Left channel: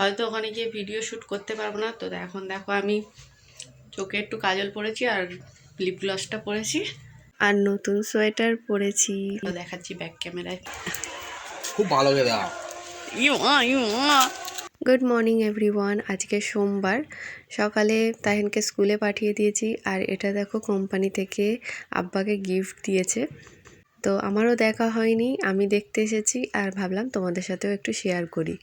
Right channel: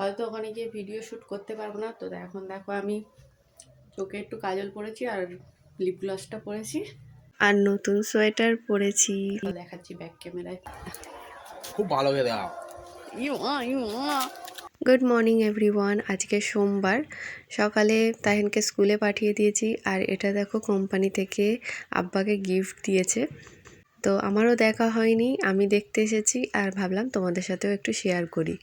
হয়তো ওখানে গিয়ে ভিডিও শ্যুট করতে পারব না। তো এখন দেখো আমি চোখে একটু কাজল পরেছি আর লিপ গ্লসটা পরেছি। আর নতুন সোয়েটার পরেছি। দেখাচ্ছি ব্যাক ক্যামেরায় খুব ভালো গুড মর্নিং এভরিওয়ান আজকে সোমবার। সকালে তাহিনকে স্কুলে পাঠিয়ে দিয়েছি আর এটা দেখো কোম্পানি থেকে আব্বাকে গিফট দিয়েছে। তো আমারও দেখা হয়নি আমি দেখতে এসেছি আর ভাবলাম তোমাদের সাথেও একটু শেয়ার করি।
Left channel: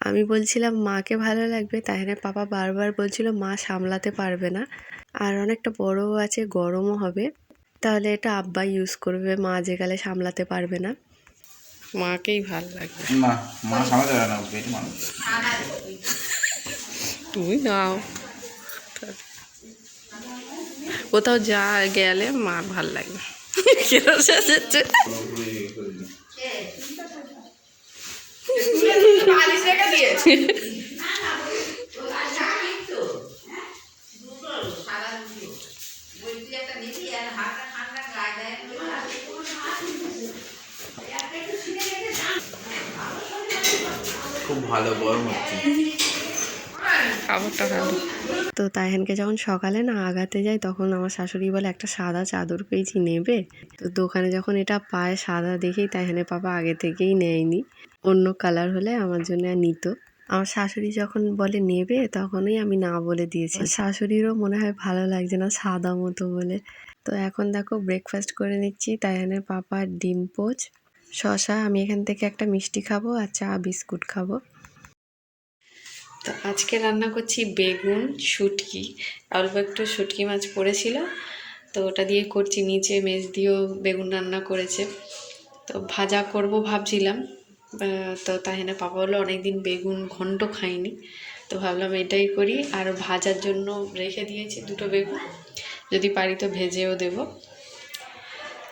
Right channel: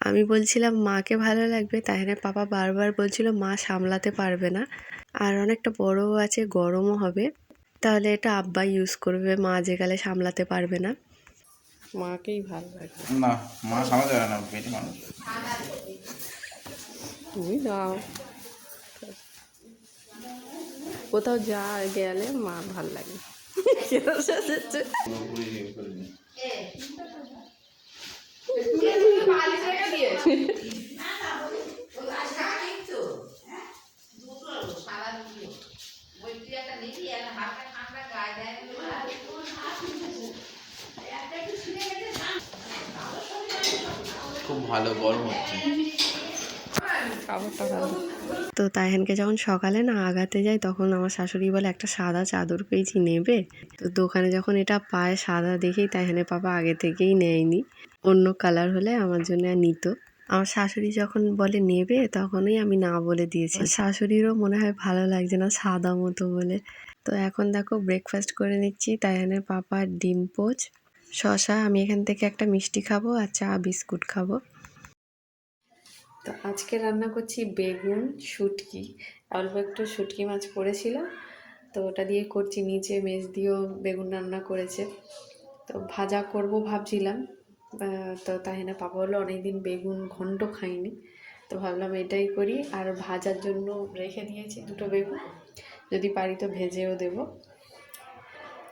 আমি বলছিলাম মাকে ভালো লাগবে? তাহিনের পাপা বারবার বলছিল মা সামলাতে পারবে না। আর অনেকটা বড়ও আছে গরমও হবে। তাহলে এটা আব্বা ইউজ করবে মা যে গেলে সামলাতে পারবে না। মাকেই ভালো লাগবে। না মা সামলাতে পারে না পেটে মানুষ। তুমি নাও। কোথাও যা গেলে মা ভালো লাগবে। কেন শেষেছে খুব ভালো গরম হচ্ছে। খাবারটা ভালো। তো তাইহানকে যখন সকালে না আগাতে যাই তখন আমার শাশুড়ি বলে একটা সাদা চাদর পেয়েছি নেবে? তো দোকানে যখন এটা পায় সাদা দেখেই তাইহানের পাপা আগে থেকেই নেয়নি। অন্য কালার হলে আমার জন্য নিত। আমার শাশুড়ি যখন বলে নেবে? তখনই আমি না বলে দিয়েছি। শাশুড়িরও মনে হয় ভালো লাগছে না সাদা মতো বলে। তো এখন দেখো ব্রেকফাস্ট করে নিচ্ছি তাইহানের পাপা ডিম পোচ শশা আমি এখান থেকে একটা মিষ্টি খাব আর চা বিস্কুট খাব। তো আজকে রান্না করছি বেগুন, শুটকি। অল্প একটু শুটকি মাছ পড়েছিল, তো ওটা দিয়ে করছি। নিচে মেজ দিয়েও বেগুন রান্না করেছে। তো ভাজা করব ভাবছিলাম। তো তাহিনা পাপা হলো অনেকদিন বেগুন ঘন্ট খাইনি। তো ভাবলাম এটাই করি। আর ভাজার জন্য রেখে দিয়েছি দুটো বেগুন। যদি পারি তো ভেজেও দেবো।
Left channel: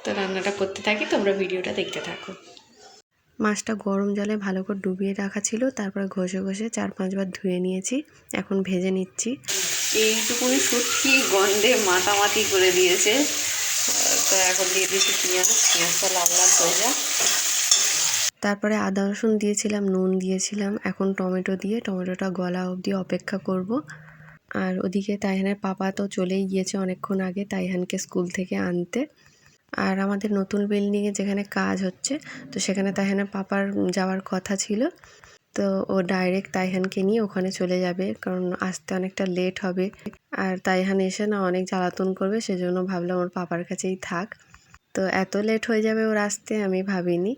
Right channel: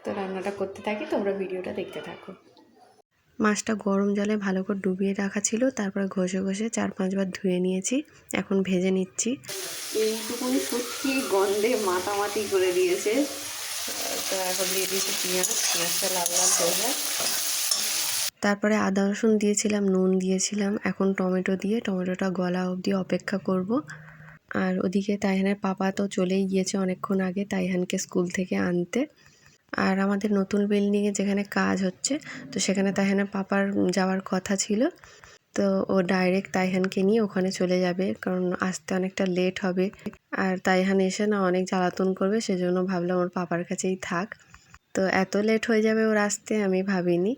তো রান্নাটা করতে থাকি, তোমরা ভিডিওটা দেখতে থাকো। মাছটা গরম জলে ভালো করে ডুবিয়ে রাখা ছিল তারপরে ঘষে ঘষে চার পাঁচবার ধুয়ে নিয়েছি এখন ভেজে নিচ্ছি। এইটুকুনি সত্যি গন্ধে মাতামাতি করে দিয়েছে। তো এখন দিয়ে দিয়েছি পেঁয়াজ পেঁয়াজটা লাল লাল হয়ে যা তারপরে আদা রসুন দিয়েছিলাম নুন দিয়েছিলাম এখন টমেটো দিয়ে টমেটোটা গলা অবধি অপেক্ষা করব। আর ওদিকে তাইহানের পাপা তো চলেই গিয়েছে অনেকক্ষণ আগে তাইহানকে স্কুল থেকে আনতে। আর আমাদের নতুন বিল্ডিংয়ে যেখানে কাজ হচ্ছে, তো সেখানে তাইহানের পাপার যাওয়ার কথা ছিল। তো ও ডাইরেক্ট তাইহানকে নিয়ে ওখানে চলে যাবে, কারণ আসতে অনেকটা লেট হবে। আর তাইহান এসে না অনেক জ্বালাতন করবে, সেজন্য ভাবলাম ওর পাপার কাছেই থাক। তো এত লেট হয়ে যাবে ওর আসতে আমি ভাবিনি।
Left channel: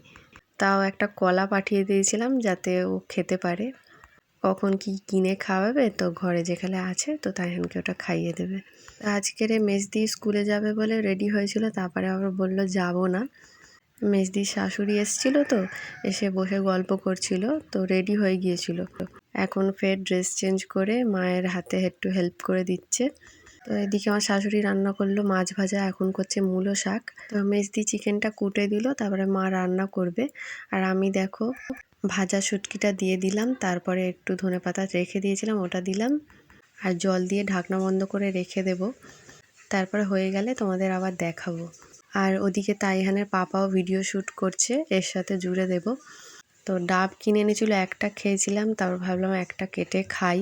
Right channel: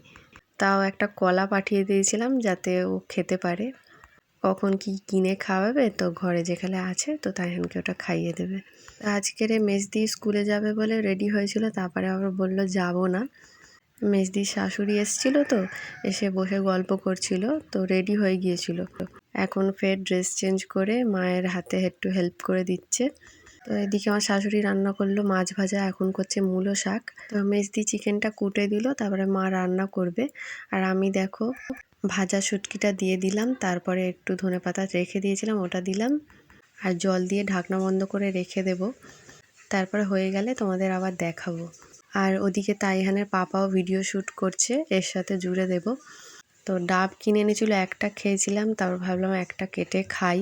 তাও একটা কলা পাঠিয়ে দিয়েছিলাম যাতে ও খেতে পারে। কখন কি কিনে খাওয়াবে? তো ঘরে যেখানে আছে, তো তাইহানকে ওটা খাইয়ে দেবে। আজকের মেজদি স্কুলে যাবে বলে রেডি হয়েছিল, তারপরে আবার বলল যাব না। মেজদির শাশুড়ি এসছিল তো, এসে বসে গল্প করছিল, তো রেডি হয়ে গিয়েছিল। এখন ফের ড্রেস চেঞ্জ করে মায়ের হাতে একটু হেল্প করে দিচ্ছে। তো এদিকে আমার শাশুড়ি রান্না করল, মাছ ভাজা এখন করছে মূলো শাক। তো মেজদি চিকেনটা কুটে দিল, তারপরে মা রান্না করবে। আর আমি দেখো ভাজা শুটকিটা দিয়ে দিলাম, তারপরে একটু ধনে পাতা রেখে দিয়েছিলাম, ওটা দিলাম। আর জল দিয়ে ঢাকনা বন্ধ করে রেখে দেব। তারপরে হয়ে গেলে তোমাদের আবার দেখাবো। আর ওদিকে তাইহানের পাপাও ভিডিও শ্যুট করছে, এর সাথে জুড়ে দেব। তো ডাব কিনে এনেছিল, একটা খেয়েছিলাম, তারপর ভাবলাম একটা কেটে খাই।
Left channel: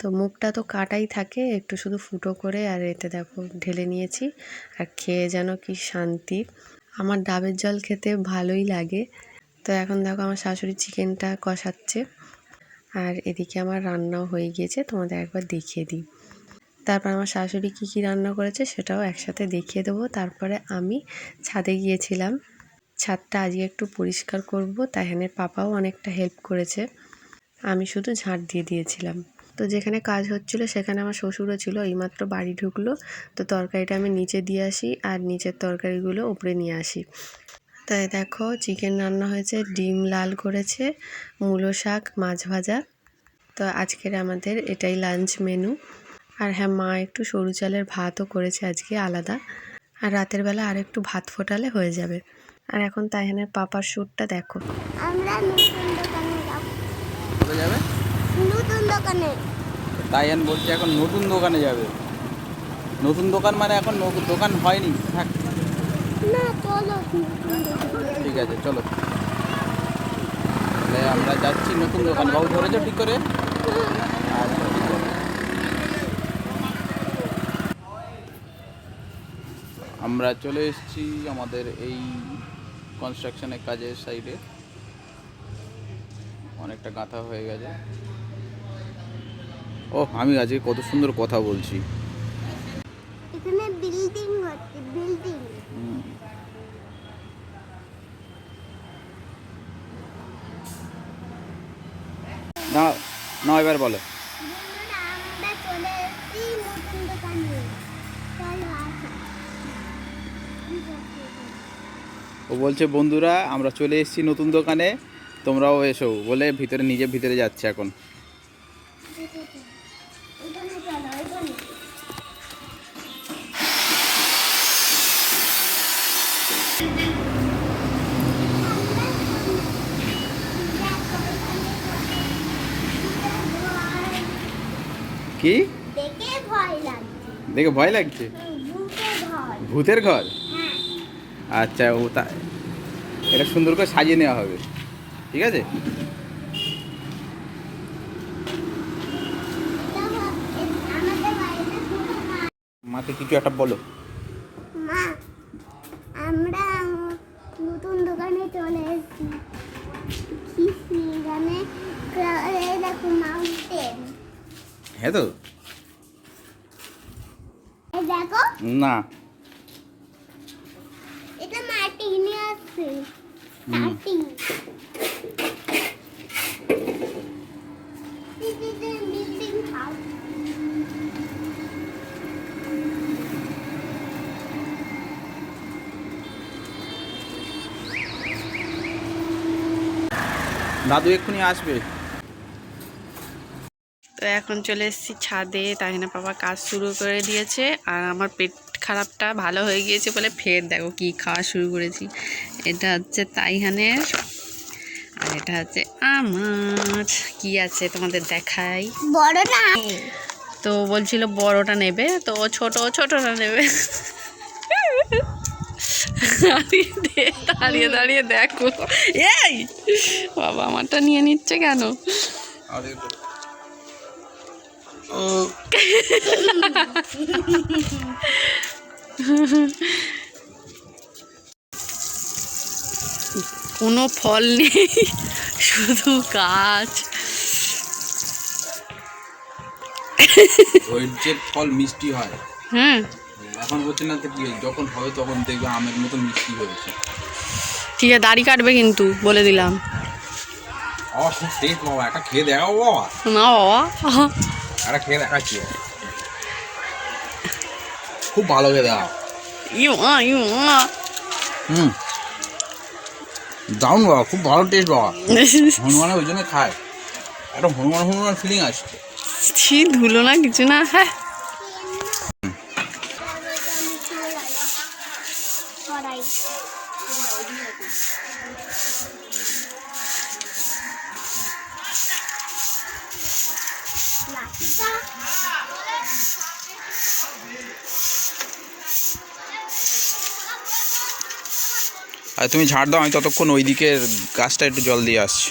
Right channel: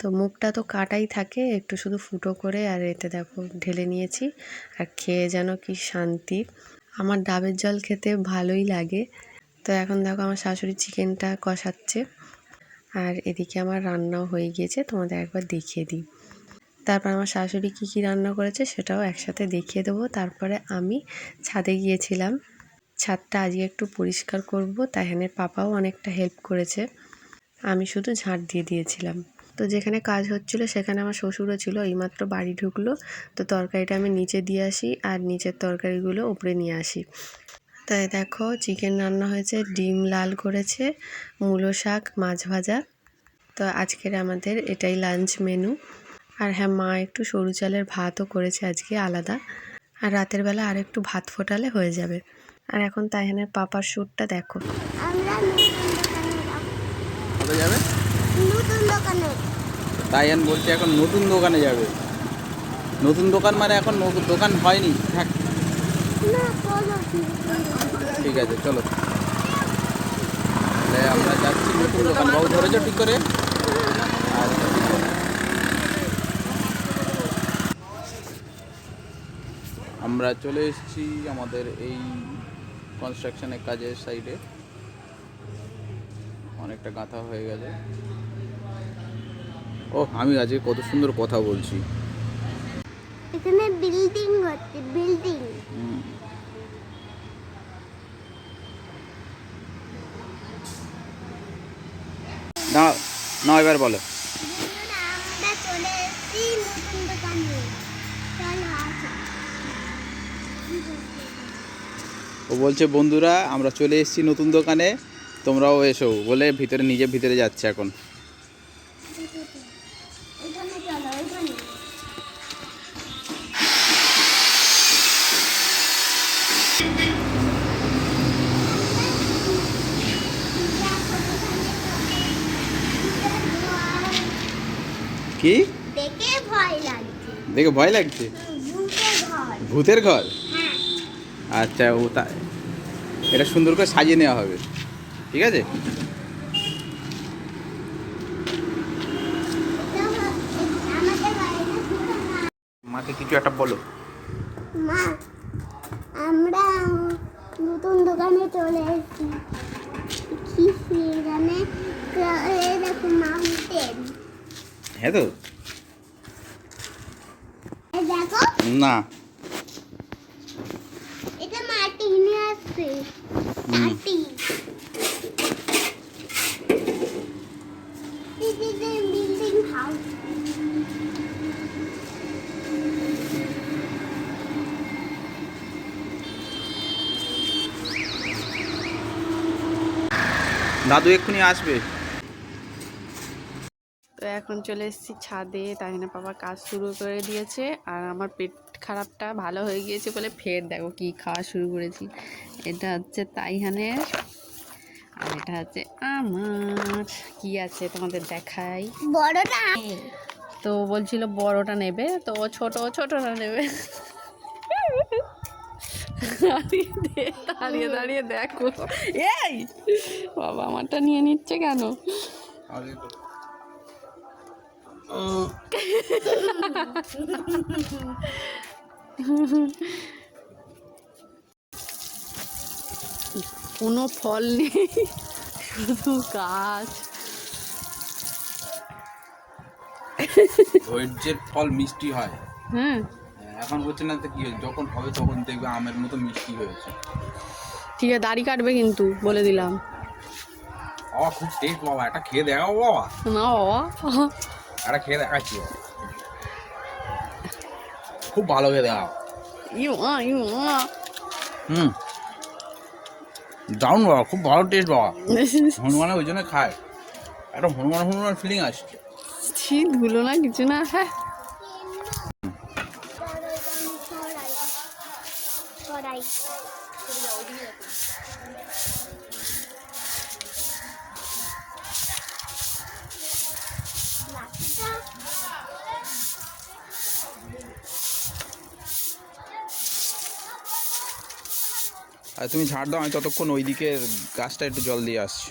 তো মুখটা তো কাটাই থাকে, একটু শুধু ফুটো করে আর এতে দেখো ঢেলে নিয়েছি। আর খেয়ে যেন কি শান্তি। আমার ডাবের জল খেতে ভালোই লাগে। তো এখন দেখো আমার শাশুড়ি চিকেনটা কষাচ্ছে। আর এদিকে আমার রান্নাও হয়ে গিয়েছে, তোমাদের একবার দেখিয়ে দিই। তারপর আমার শাশুড়ি কী কী রান্না করেছে সেটাও একসাথে দেখিয়ে দেবো। তারপরে আমি ছাদে গিয়েছিলাম। ছাদটা আজকে একটু পরিষ্কার করব তাইহানের পাপাও অনেকটা হেল্প করেছে। আমি শুধু ঝাঁট দিয়ে দিয়েছিলাম। তো যেখানে কাজ হচ্ছিল সেখানে আমার শ্বশুরও ছিল, এইমাত্র বাড়ি ঢুকলো। তো তরকারিটা আমি নিচে দিয়ে আসি, আর নিচের তরকারিগুলো উপরে নিয়ে আসি। তাই দেখো চিকেন রান্না হয়েছে ডিম লাল করেছে মূলো শাক মাছ ভাজা। তো আজকের আমাদের এটাই লাঞ্চ মেনু। আর হ্যাঁ মা একটু সরু চালের ভাতও করেছে আজকে আলাদা। আর রাতের বেলা আর একটু ভাত ফোটালে হয়ে যাবে। আর এখন তাইহানের পাপার শ্যুটটা দেখো। আমরা নতুন দোকানে যাব। কোথায় যাবে? নতুন দোকানে। তাইয়ান বলছে এখন নতুন দোকানে যাবে। নতুন দোকান মানে এখন ন- দোকান হয়নি। থাক না চলো নতুন দোকানে ঠিক আছে, চলো। তাহলে আমরা যাচ্ছি নতুন দোকানে। বাবু ধরেছো ঠিক করে? আচ্ছা ঠিক আছে। আমরা চলে এসেছি আমাদের এই কনস্ট্রাকশনের কাজের সাইডে অনেকটা গাঁথা হয়ে গেছে। ও, আমি আজকে কত সুন্দর কথা বলছি। এখানে বিল্ডিং হচ্ছে বিল্ডিং দাঁড়াও না, এবার বলো। ও বলছে, বন্ধুরা, আমরা চলে এসেছি নতুন দোকানে। তোমরাও এসো। বলে ভিতরে, নিজে ভিতরে যাচ্ছে এখন। এখানে চলো কি? দেখে ভয় লাগছে। ভূতের ঘর। হ্যাঁ। আচ্ছা ও তা এটা সুন্দর করে সাজিয়ে নেওয়া হবে। ঠিক আছে? মাকে কিছু একটা বলো। মা আমরা নতুন দোকানে চলে এসেছি। কি এই দেখো মাউন্টেন হ্যাঁ তো? না। এটা মাটি নিয়ে আসছে। মাটি। দাদু এক্ষুনি আসবে। এখন চলে এসেছি ছাদে। তাই না বাবা কাজ শুরু করে দিয়েছে। আর আমার পেট খারাপটা ভালো হয়ে গিয়েছে বলে ফের দেখো কি খাওয়া শুরু করেছি। এটা হচ্ছে তাইহানের আর এটা হচ্ছে আমার। কি আছে তোমাদের দেখাই? বড় না তো বলছিল বড়টা নেবে তো ও ছোট ছোটটা নেবে। দাঁড়িয়ে দাঁড়িয়ে দাঁড়িয়ে দেখো। এই! বাবা আমারটা নিয়ে নিচ্ছে কেন? কোনো ফল নেই শুধু গাছ। ওই যে ফল মিষ্টি হয়। হুম। এখন বলছি না তো কি যখন হবে তখন দেখবে আমের মতো মিষ্টি হয়েছে। ঠিক আছে দাড়ি কাটবে কিন্তু বলে দিলাম। ও খুব টেস্ট বাবা একটা খেয়ে দেখাও বাবা। না বাবা। একটা খেয়ে দেখাচ্ছি খুব ভালো খেয়ে দেওয়া ইউ মা ইউ মা। হুম। দারুণ বাবা খুব ভালো টেস্ট বাবা। হনুমানে ওই জন্য খায়। একটা হনুমান হনুমান ফিলিং আসছে। ধুলো না কিছু না হ্যাঁ। আর তুমি ঝাড় দাও আমি ততক্ষণ ওই দিকের গাছটা একটু জল দিয়ে আসছি।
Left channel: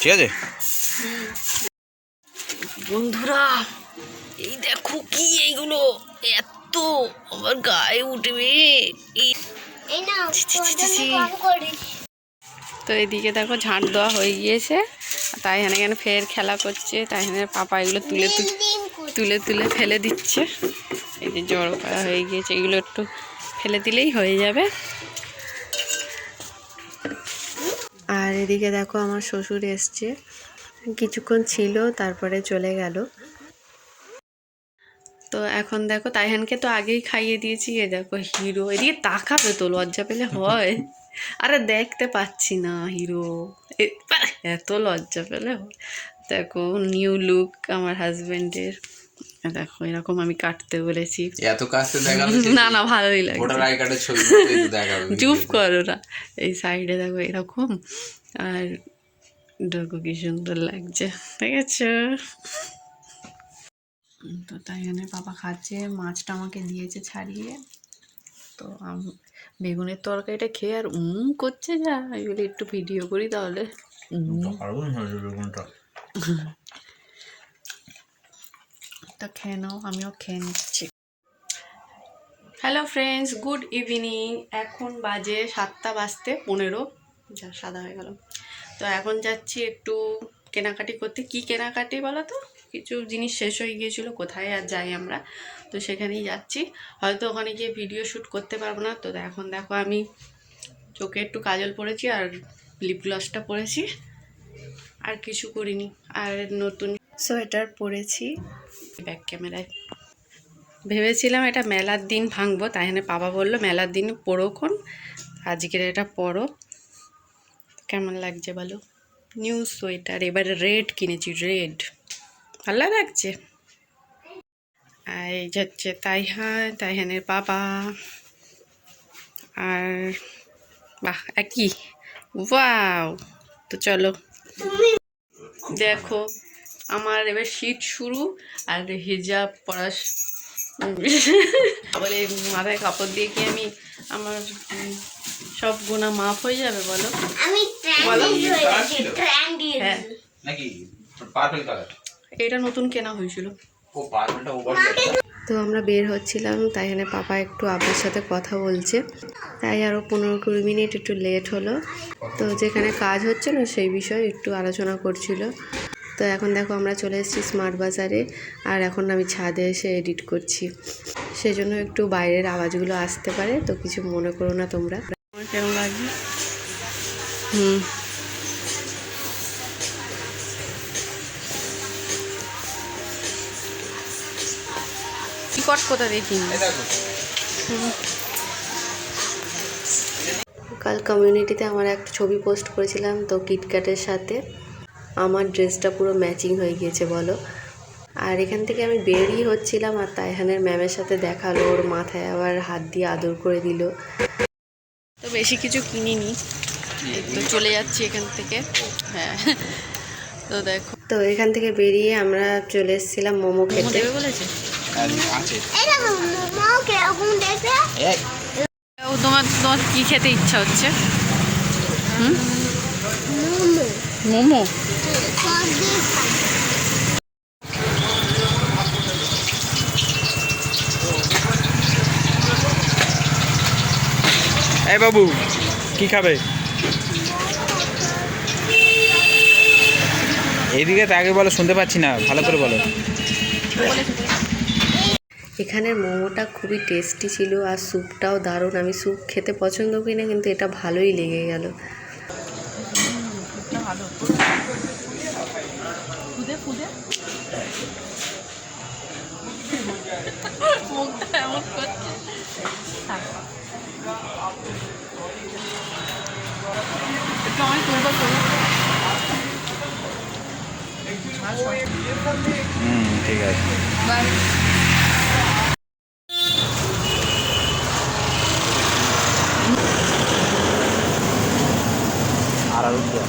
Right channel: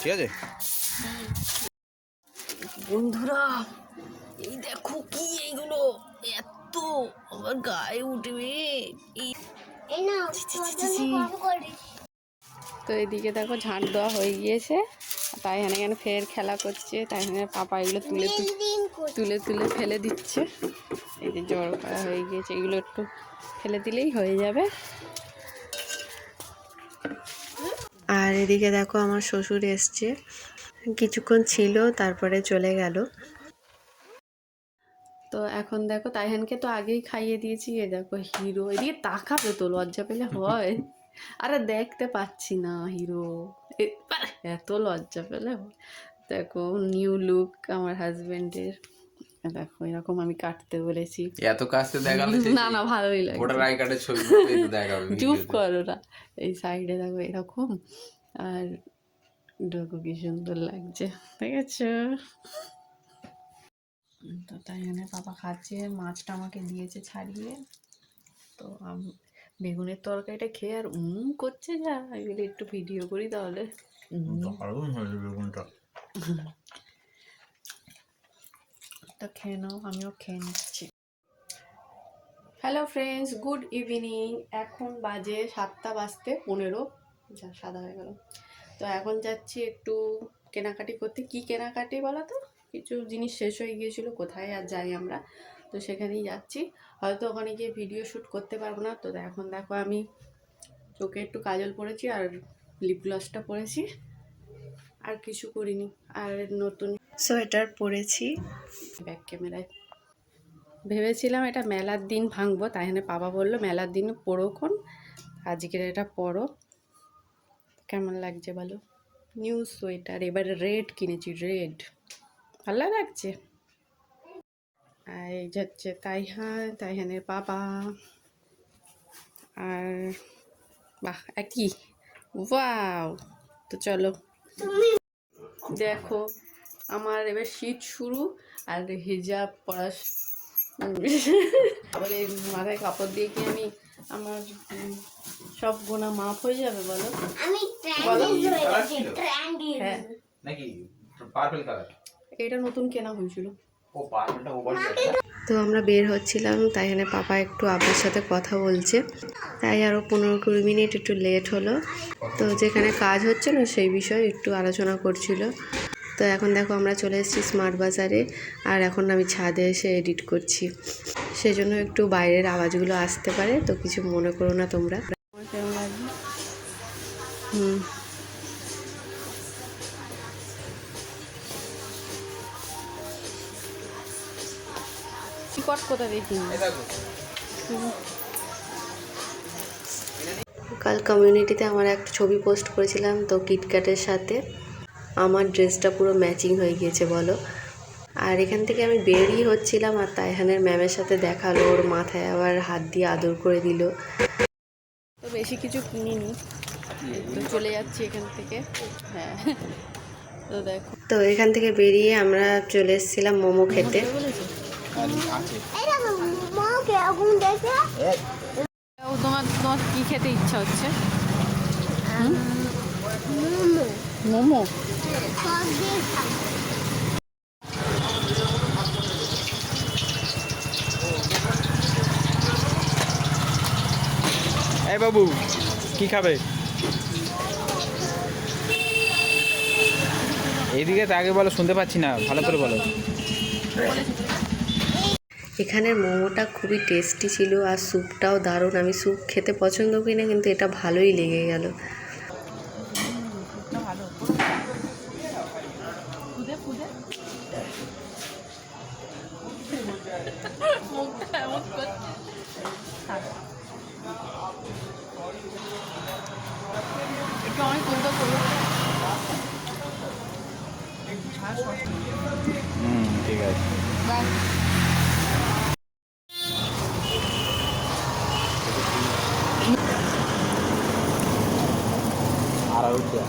ঠিক আছে? বন্ধুরা এই দেখো কি এইগুলো। এত আমার গায়ে উঠবে। তো এদিকে দেখো ঝাঁট দেওয়া হয়ে গিয়েছে। তাই এখানে এখানে ফের খেলা করছে। তাই এখানে পাপা এগুলো তুলে তুলে তুলে তুলে ফেলে দিচ্ছে। এই যে জড়ো করা হয়ে গিয়েছে। এগুলো একটু ফেলে দিলেই হয়ে যাবে। আর এদিকে দেখো আমার শ্বশুর এসছে। কিছুক্ষণ ছিল তারপরে চলে গেল। তো এখন দেখো তাইহানকে তো আগেই খাইয়ে দিয়েছি এ দেখো হিরো। এদিকে তাকাবে তো লজ্জা পেলে হয়। আরে দেখতে পাচ্ছি না হিরো। এত লজ্জা পেলে হয়। দেখো নিউ লুক আমার হাজবেন্ডের। দেখো এরকম আমি কাটতে বলেছি। এত দেখাল না না ভালোই কার্ডের ছবি চুপ করো না। এই সাইডে দেখো এরকম। আর দেখো কি সুন্দর লাগছে ঠিক আছে তো তাই জন্য বাবা খাচ্ছে মাছটা আমাকে দিয়েছে ছাড়িয়ে। তো আম- বেগুনের তরকারিটা খেয়ে আর উম করছে যা আমি বলি একটু ভিডিও করি তাহলে। তা খেয়ে নাও আমিও খেয়ে নিচ্ছি। হ্যালো ফ্রেন্ডস গুড ইভিনিং এখন বাজে সাতটা বাজতে পনেরো। যা সাদা হয়ে গেল। তো এখন যাচ্ছি একটু কেনাকাটি করতে। কি কেনাকাটি বলো তো কিছু জিনিস শেষ হয়ে গিয়েছিল, কোথায় আর যাই আমরা? তো সেখানেই যাচ্ছি। হয়তো ওখানে গিয়ে ভিডিও শ্যুট করতে পারব না। তো এখন দেখো আমি চোখে একটু কাজল পরেছি আর লিপ গ্লসটা পরেছি। আর কিছু করিনি। আর নতুন সোয়েটার পরেছি। ব্যাক ক্যামেরায় ভেবেছিলাম এটা মেলার দিন ভাঙবো, তাই জন্য বাবা বলল, মেলার দিন পড়োক্ষণ আজকের এটা পরো। কেমন লাগছে বলো? নিউ সোয়েটার এবারে রেড কিনেছি রেড ভালো লাগছে? আর এই হচ্ছে তাইহান, তাইহানের বাবা। আর বাহ, একই। ওয়াও তো চলো। দেখো, আমার এবার শীত শুরু আর হিজাব পরা বলে মাথায় কাপড় দিয়ে কি আমি আমার সব গোনা মাফ হয়ে যাবে বলো। আমি হ্যাঁ। নাকি পার্পল কালার এটা নতুন কেনা হয়েছিল। ও পার্পলটা ওভার তো আমরা বের হচ্ছিলাম তাই এখানে পাপা একটু আব্বুর সাথে কথা বলছে। তাই আরও পনেরো কুড়ি মিনিট একটু লেট হলো। তো যেখানে কাজ হচ্ছে না সেই বিষয়ে একটু আলোচনা করছিল। তো এখন দেখো আমরা চলে এসেছি স্মার্ট বাজারে আর এখন আমি ছাদে এসে এডিট করছি। সেজন্য একটু বাইরের আওয়াজগুলো আসতে পারে তো কিছু মনে করো না তোমরা। কেমন লাগবে হুম। টিকট কাল কমিউনিটিতে আমার একটা ছবি পোস্ট করেছিলাম তো কিটক্যাটের সাথে। আমার ড্রেসটা পুরো ম্যাচিং হয়ে গিয়েছে বলো। আর এখান থেকে আমি বেরিয়ে হচ্ছিলাম আর তাইহানের ম্যামের সাথে দেখাল ওর মাথায় আবার হাত দিয়ে আদর করে দিল। বেশি কিছু কিনিনি। তো চলে যাচ্ছি এখান থেকে। হ্যাঁ। তো দেখো। তো এখান থেকে বেরিয়ে আমরা চলে এসেছিলাম মোমো খেতে। তোমার তোমার কী খেতে ইচ্ছা হচ্ছে? মোমো মোমো সব দিয়ে খাই। এই বাবু, কি খাবে? এদিকে আগে বলো, শুনতে পাচ্ছি না, ভালো করে বলো। এখানের মোমোটা খুবই টেস্টি ছিল আর স্যুপটাও দারুণ। আমি স্যুপ খেতে পছন্দ করি না, কিন্তু এটা ভালোই লেগে গেল। হুম ঠিক আছে আর আলু ভাজা।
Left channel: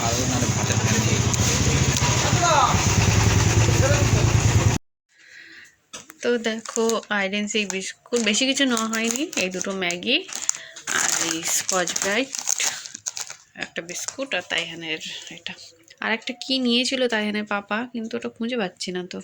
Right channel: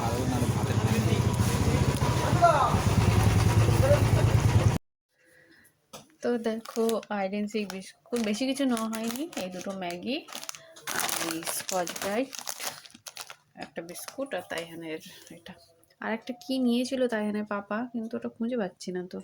আলু নাহলে ভাতের ফ্যান দিয়ে তো দেখো আইডেন সেই বিস্কুট বেশি কিছু নেওয়া হয়নি। এই দুটো ম্যাগি আর এই স্কচ ব্রাইট একটা বিস্কুট আর তাইহানের এটা। আর একটা কী নিয়েছিল তাইহানের পাপা, কিন্তু ওটা খুঁজে পাচ্ছি না তো।